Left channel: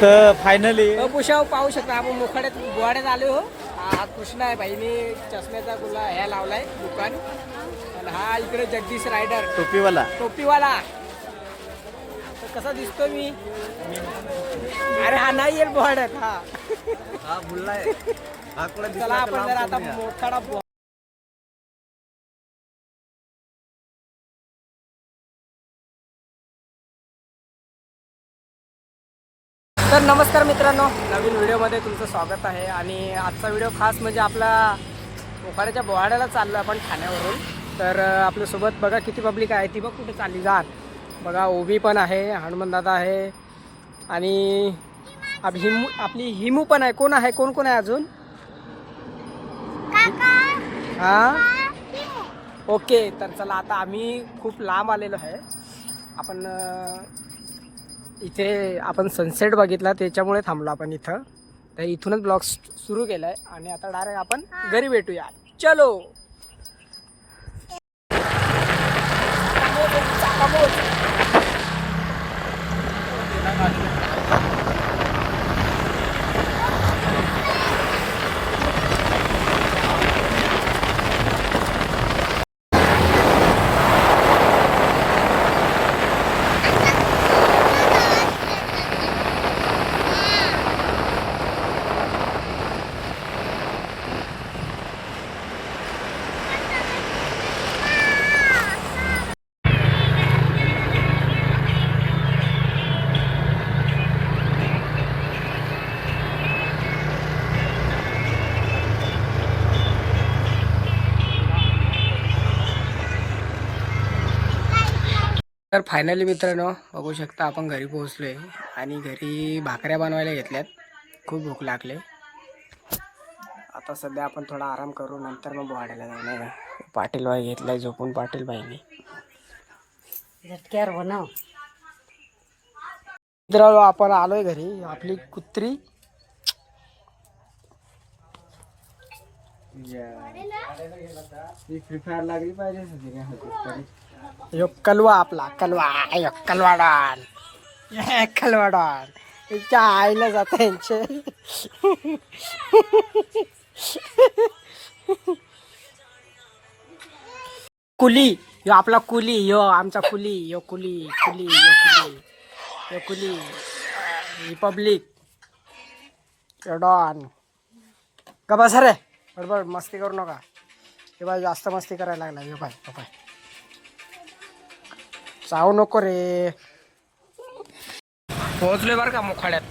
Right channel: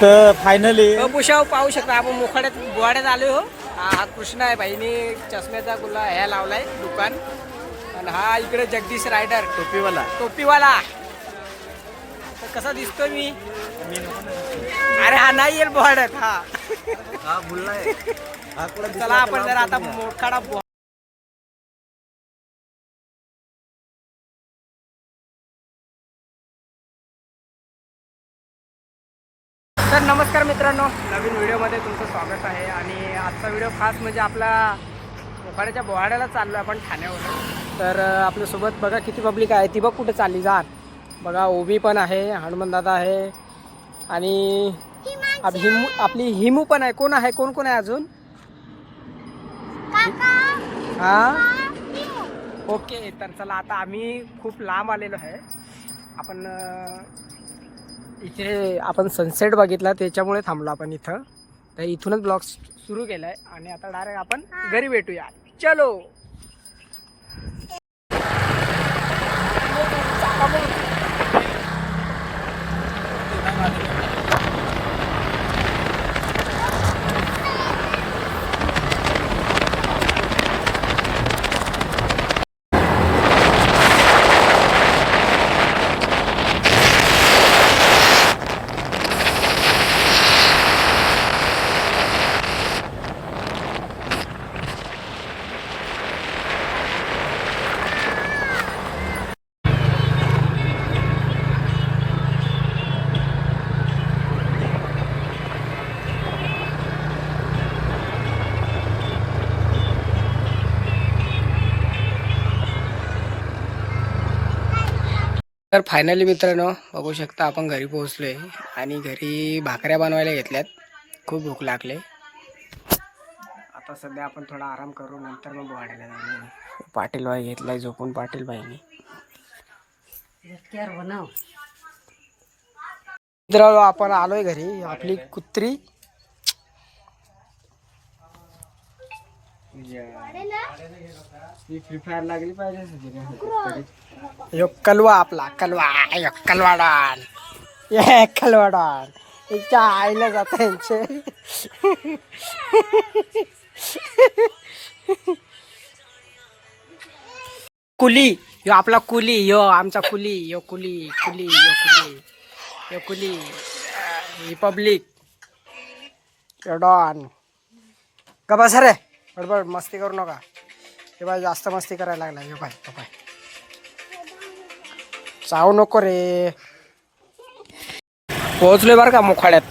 Finally पुषाव पाहू शकता आपण मोखाड्यात बोवाड्यात आलो हो. हा कृष्णा आहे भाईने चष्म्याचा गुला ह्या लावलाय दुकान. आणि हा इकडे जगदीश रायडर टोपीवाला तर कसा दिसतोय मी. अरे हा नाही येईल बोवाड्यात हा. चला आपण जरा आता मोखाडा तर नमस्कार मित्रांनो, नवीन व्हिडिओमध्ये तुमचं स्वागत आहे. आणि आजचा व्हिडिओ खास म्हणजे आपला मोखाड्याच्या बोहाड्याला चाललो आपण ठाण्यावरून. तर आपल्यासोबत बघा किती पब्लिक आहे ती. बघ कुठे चालली जात बघा. ओबी पण आहे, हनुमंतदादा आहे आणि आपली हिमू पण आहे. कोण आहे, कोण कोण आहे अजून? हां ओके. तर चला आता आम्ही खूप लांब आलेलो आहे. आपण इथे आपण सनसेट बघितला त्याच्यामुळे थांबलो आपण इथं. तर इथूनच ब्लॉग सुरू केला आहे आणि आता डायरेक्ट आपण घरी भेटूया. चलो. तर फायनली मित्रांनो बघू शकता आपण घरी पोहोचलो आहे आणि घरी भाकऱ्या बनवायला घेतल्यात. खूप भूक लागले. आता सध्या आपण थोडा आराम करू, नंतर मग बोहाड्याला जाणार. पाटील बाई घेतलाय झोपून. पाटील बाईने बनव. मित्रांनो आपण आलोय घरी. आपली कुत्री फ्री फायर लागली पाहिजे. यो कलवा आपला कलवा. कलवाडॉन कलवाडॉन याच्या आईला जात यांचे. कुली यो आपला कुली. यो आमचा कुली. यो कुली कुली यो कुली यो कुली. रिपब्लिक यो डॉन. का बस रे बडबड मस्ती करू नका. हे बाय जास्त मस्ती करायला लागला. यो बाय बाय चावू नको रे. पोहोचलोय बरं का मोखाड्यात.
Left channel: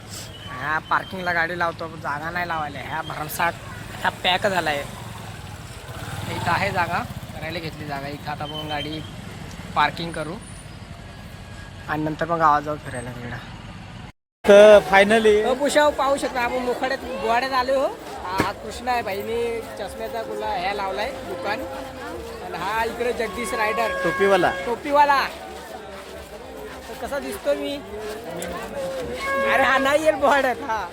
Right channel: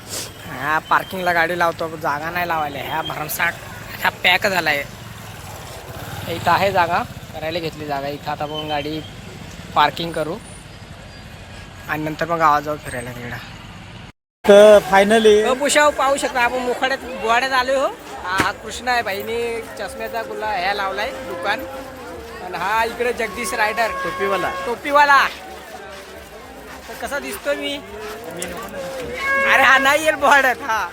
ह्या पार्किंगला गाडी लावतो, जागा नाही लावायला. ह्या भरमसाठ ह्या पॅक झाला आहे. इथं आहे जागा, करायला घेतली जागा. इथं आता आपण गाडी पार्किंग करू आणि नंतर मग गावात जाऊ फिरायला तिकडं. फायनली पुषाव पाहू शकता आपण मोखाड्यात बोवाड्यात आलो हो. हा कृष्णा आहे भाईने चष्म्याचा गुला ह्या लावलाय दुकान. आणि हा इकडे जगदीश रायडर टोपीवाला तर कसा दिसतोय मी. अरे हा नाही येईल बोहाड्यात हा.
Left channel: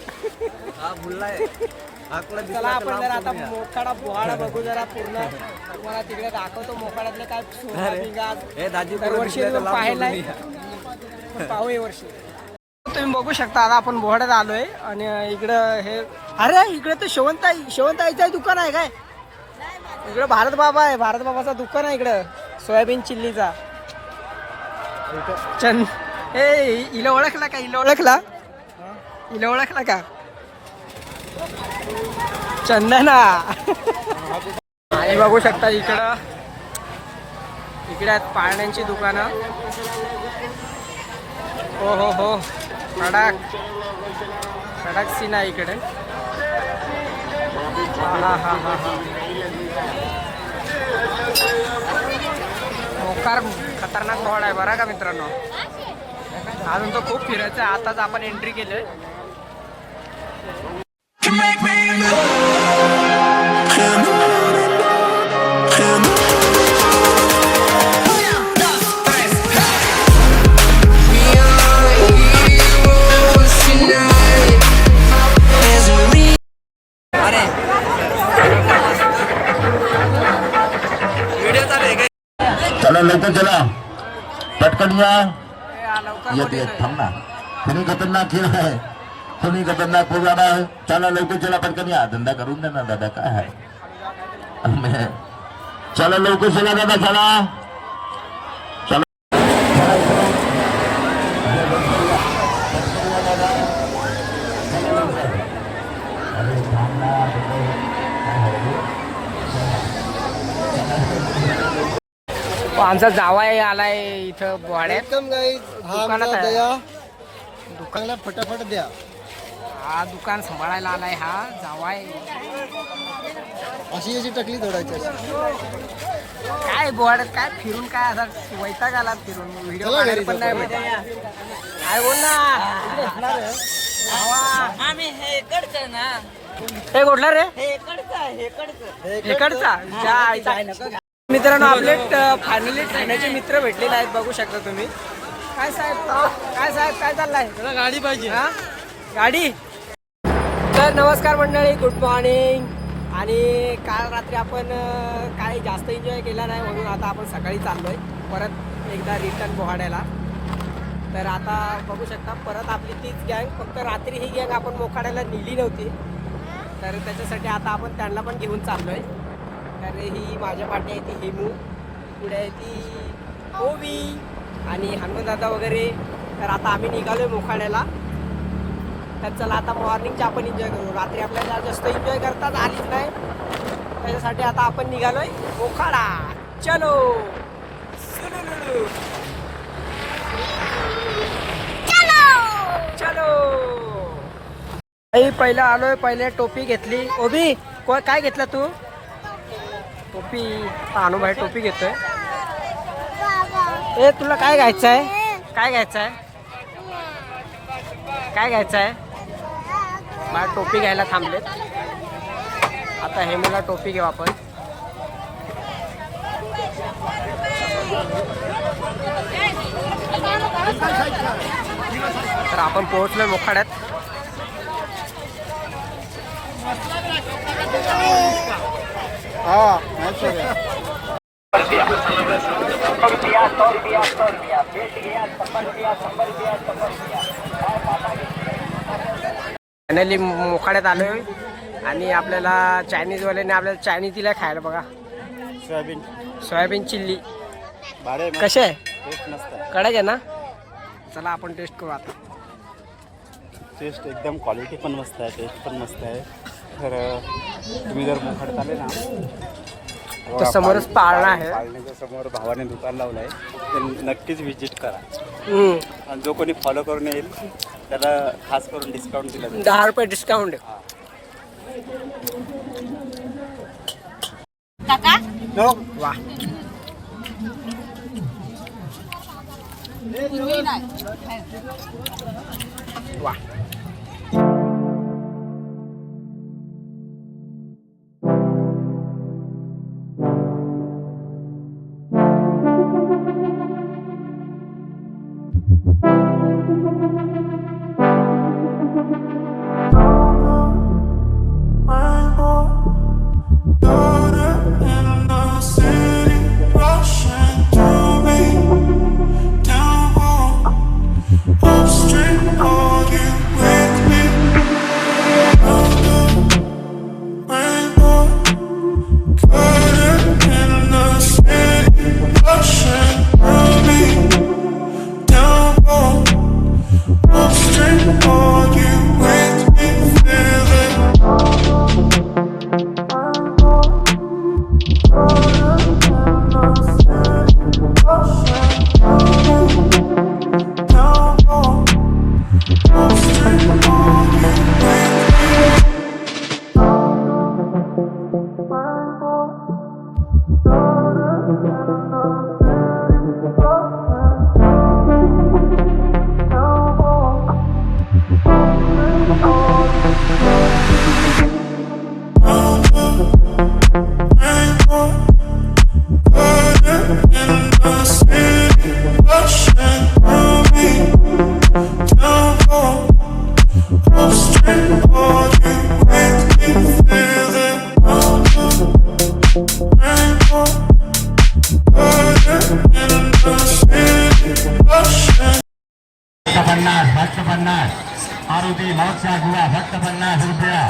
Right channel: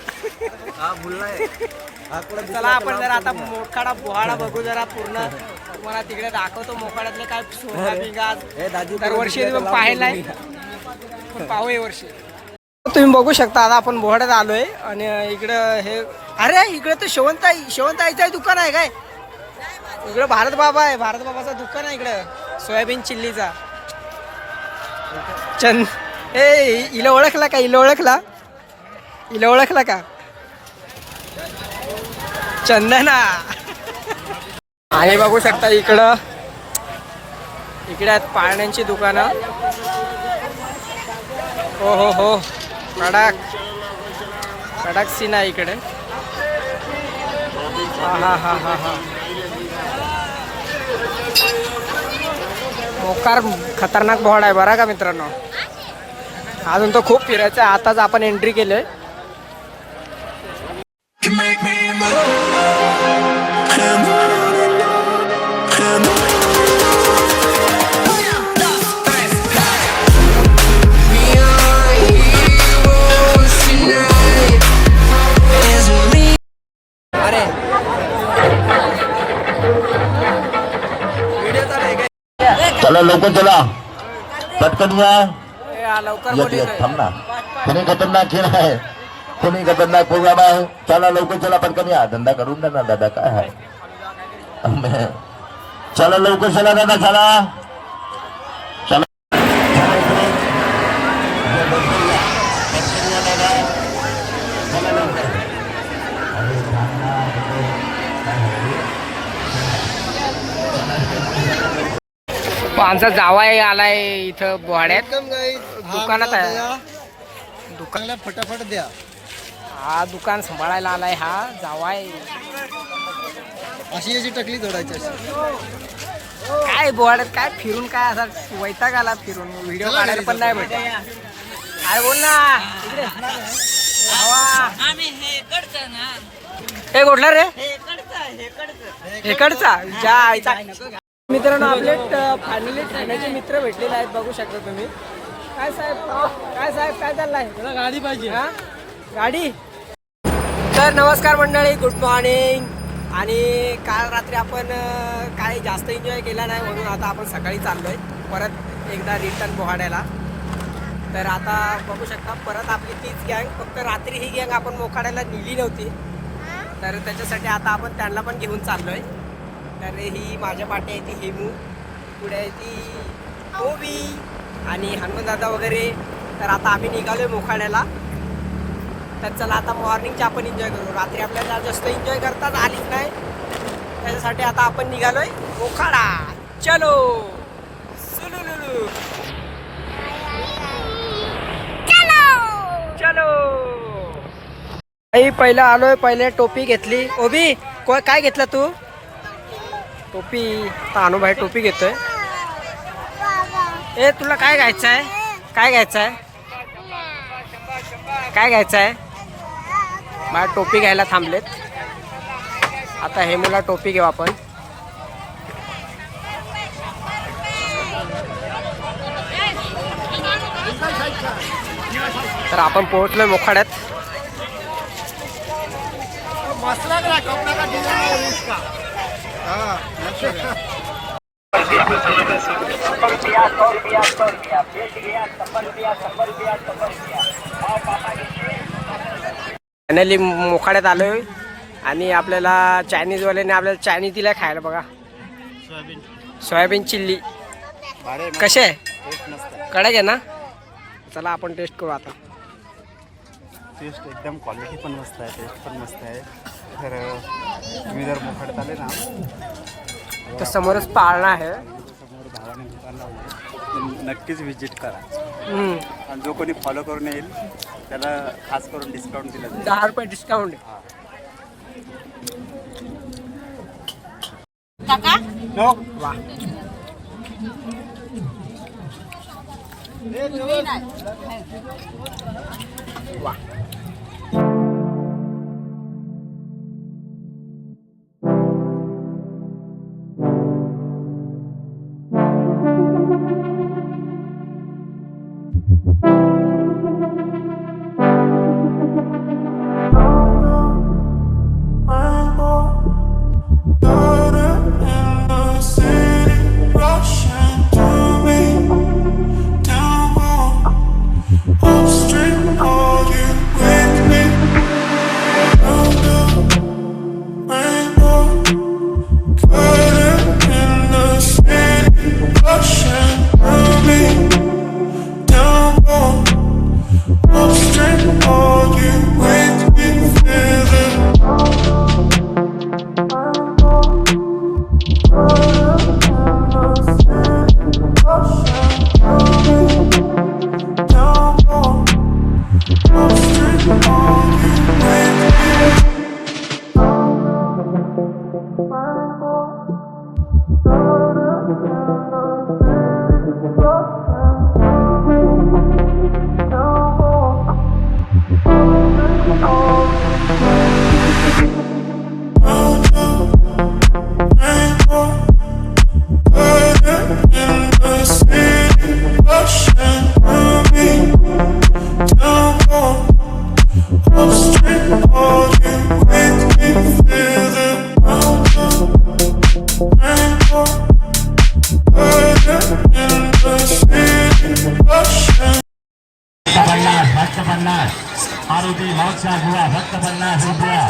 चला आपण जरा आता मोखाडा बोहाडा बघू जरा पूर्ण. तुम्हाला तिकडे दाखवतो मोखाड्यातले काय सोंगा बिंगा. दरवर्षी पाहायलाय पण पाहू हे वर्षी. तुम्ही बघू शकता आता आपण बोहाड्यात आलोय आणि इकडं हे. अरे इकडे तर शेवंताईचं दुकान आहे काय. इकडं भारत बाबा आहे. भारत बाबाचं दुकान आहे इकडं. सोयाबीन चिल्लीचा. हिला ओळखला का. हिला ओळखला का चंदना. आणि बघू शकता इकडे आहेत पाळण्यांची दुकानं. हो कडक सीन आहे इकडे. हा मोकार खतरनाक बोहाडा आहे बरं का मित्रांनो. अजून तो खूप फिरायचा आहे. आताच आपण एंट्री केली. चला लवकर चला पटकन या. लवकर थांब ना. खतरनाक खेळ आहे. तुम्ही खतरनाक प्रोग्राम आहे. चला लवकर चला पटकन या. धंदा करून द्या ना दादा काय आहे. चला लवकर चला दादा चला. आमचा जावाई आलाय इथं बोहाड्यात. दुकानात आहे. दुकानाला फटाफट द्या. हा दुकान सांभाळायला आलाय हा जावाई. अशी याची टकली तोडायची अशी. काय बोहाड्यात काय फिरून काय असा वैताग आला फिरून. व्हिडिओ काढायला पण नाही भेटत. काय बोल ना हे कुठला रे हेकडचा मित्रांनो. आपले फायनली ठाण्याचे मित्र भेटलेले आहेत बघू शकता तुम्ही. काय साहेब काय चाललंय. गाडी पाहिजे. हा गाडी. तर नमस्कार मंडळी, गुड मॉर्निंग. आणि काल रात्री आपण काही जास्त एन्जॉय केला नाही म्हणून आता आपण सकाळी चाललोय परत एकदा रिटर्न बोहाड्याला. तर आता बघू शकता परत आपली तीच गँग. फक्त रात्री ही गँग आपण मोखाड्याला नेली नव्हती तर त्याच्यासाठी आता आपण त्यांना पण घेऊन चाललोय. तर ही माझ्या पाठी आहे ती हेमू, पुढे आहे ती ओवी आणि हनुमंतदादा वगैरे. तर आता आम्ही निघालोय मोखाड्याला. तर चला आता मॉर्निंगची आपण एन्जॉय करू. रात्री आपल्याला जास्त एन्जॉय करताच आलीच नाही त्याच्यासाठी आता आपण निघालोय मोखाडा. चलो सुलुलुलु चलो. पहिलं आलोय. पहिले टोपी घेतली. ओबी काय घेतलं तू. टोपी. अनुभव टोपी घेतोय. ए तुला काय घ्यायचं आहे. काय घ्यायचं आहे. काय घ्यायचं आहे. मला टोपी घ्यायला थांबलेत. आता हे मुला टोपी घेऊ आपण. तर आपण पोहोचलोय मोखाड्यात. फायनली मोखाड्यात आलोय आणि आपल्याला चायनीजवाल्याने आपल्याला चायनीज दिलाय खायला बघा. सोयाबीन चिल्ली कसे आहे. कडक आहे ना. चला आपण टेस्ट करू आता. टेस्ट एकदम क्वालिटी पण मस्त आहे. टेस्ट पण मस्त आहे. तर तुम्ही जर मोखाड्यात आले ना तर समोरच पाळणा आहे. समोर भावाने दुकान लावलं आहे. ते नक्कीच व्हिजिट करा. आणि जो कोणी फॉलो करून येईल त्याला खास करून डिस्काउंट दिला जाईल. 10 रुपये डिस्काउंट. वा वा. मारुती मागचा गुवा फक्त 50 रुपया.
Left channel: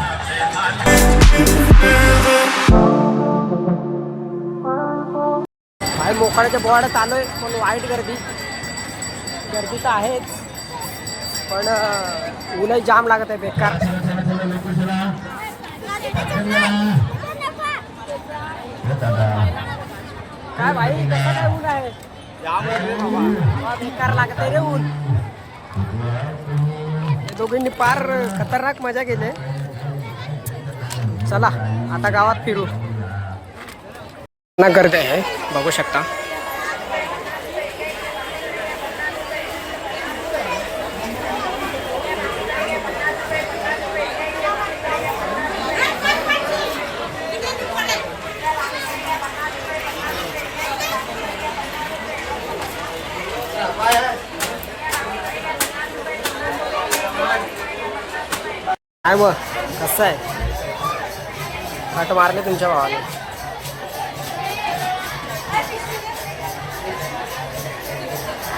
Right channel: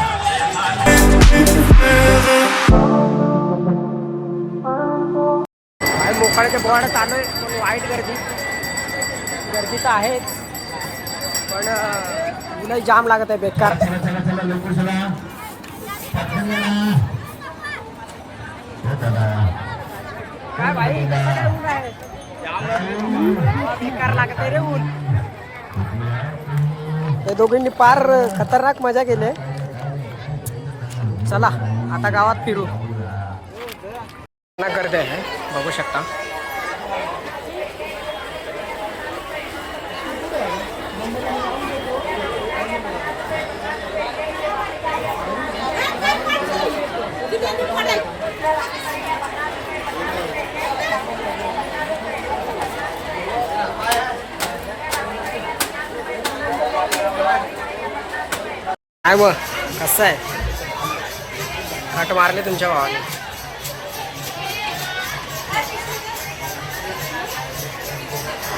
भाई मोकाड्याच्या बोवाड्यात आलोय पण वाईट गर्दी तर आहेच पण ऊनही जाम लागत आहे बेकार. काय भाई कसं काय ऊन आहे बेकार लागत आहे रे ऊन. हे दोघींनी पार खतरनाक मजा केली. चला आता गावात फिरू. ना गर्दी आहे बघू शकता. काय मग कसं आहे कट मारले तुमच्या भावाने.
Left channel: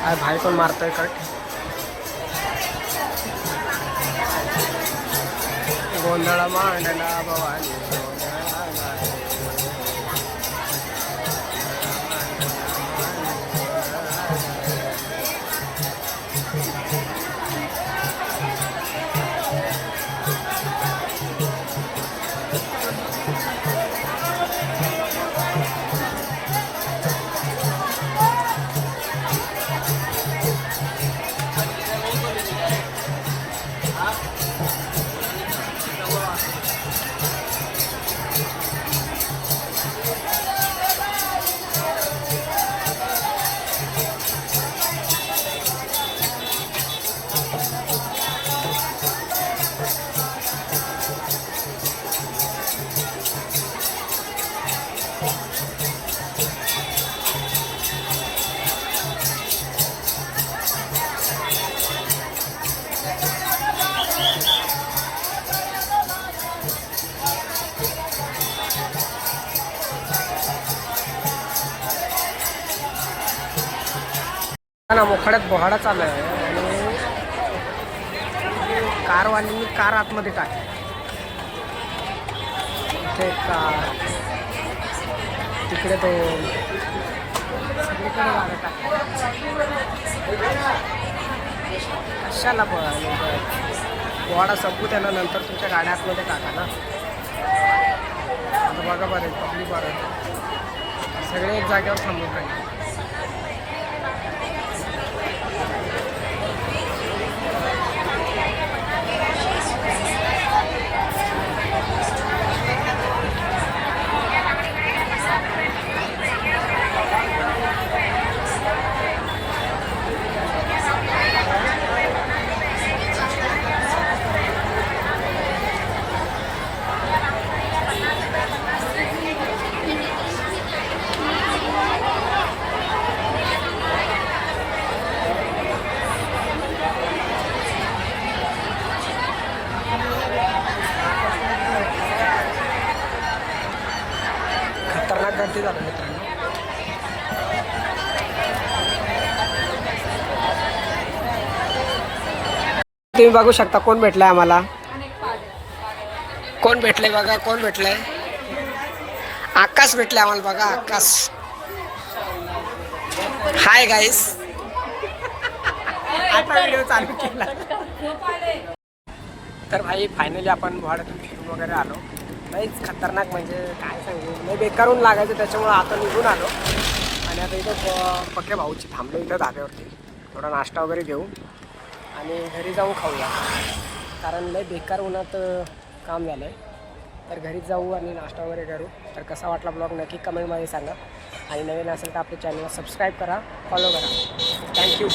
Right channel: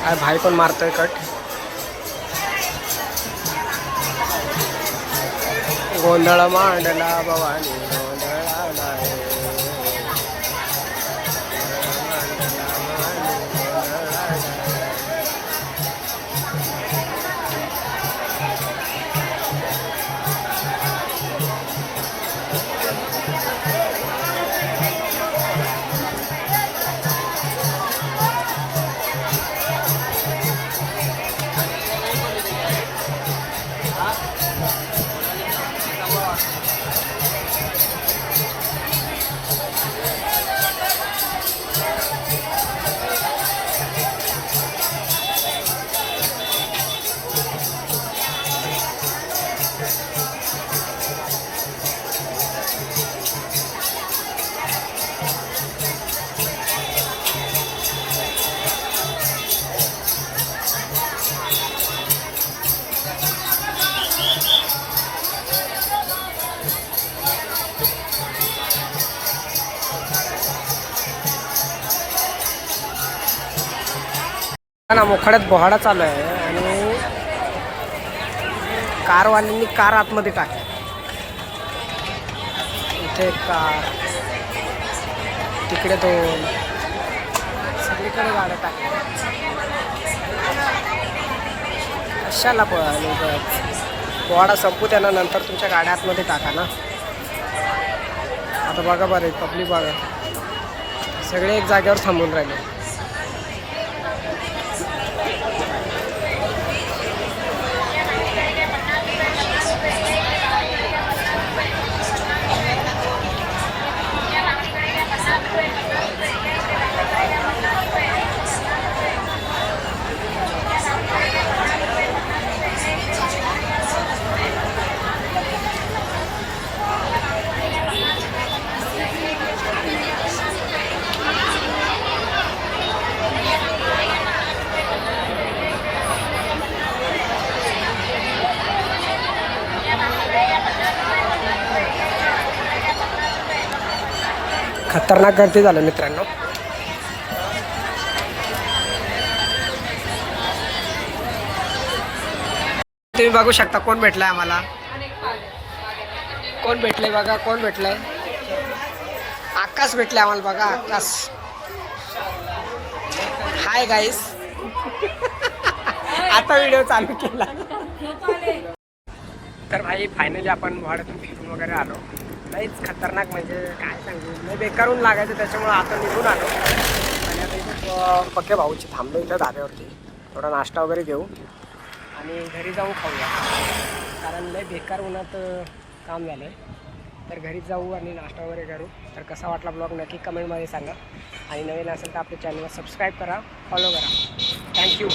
काय भाई पण मारतोय कट. गोंधळ मांडला भवानी गोंधळा नाही. ना मोखाड्यात बोहाडा चालू आहे आणि कारवाल्यांनी कार आतमध्ये टाकली. इथे एक कार तिकडे 2 सगळीकडे गाड्या टाकल्या. कशाला बोहाडा संपू त्याला नंतर तुमच्या गाड्या आतमध्ये टाका ना. आता बघा बरे पब्लिक बघा सगळे एक जागेवर थांबून राहिले. खतरनाक गर्दी झालं मित्रांनो. तुम्ही बघू शकता कोण भेटलाय आम्हाला. कोण भेटले बघा कोण भेटलंय. आकाश भेटले आम्हाला बघा आकाश. Hi guys. आता व्हिडिओ चालू केला. तर भाई फायनली आपण भाड्यातून फिरून वगैरे आलो. काहीच खतरनाक म्हणजे काय सांगू नाही बेकारून लागायचं त्याच्यामुळे आता निघून आलो. आणि आता इथे पक्के भाऊची थांबलो इथं धाब्यावरती. थोडा नाश्ता वगैरे घेऊ आणि घरी जाऊन खाऊया कारण लय बेकार उन्हात काम झालं आहे. तर घरी जाऊ आणि नाश्ता वगैरे करू. तर कसा वाटला ब्लॉग नक्की कमेंटमध्ये सांगा. आणि नवीन असेल तर आपल्या चॅनलला सबस्क्राईब करा फॉलो करा. थँक्यू.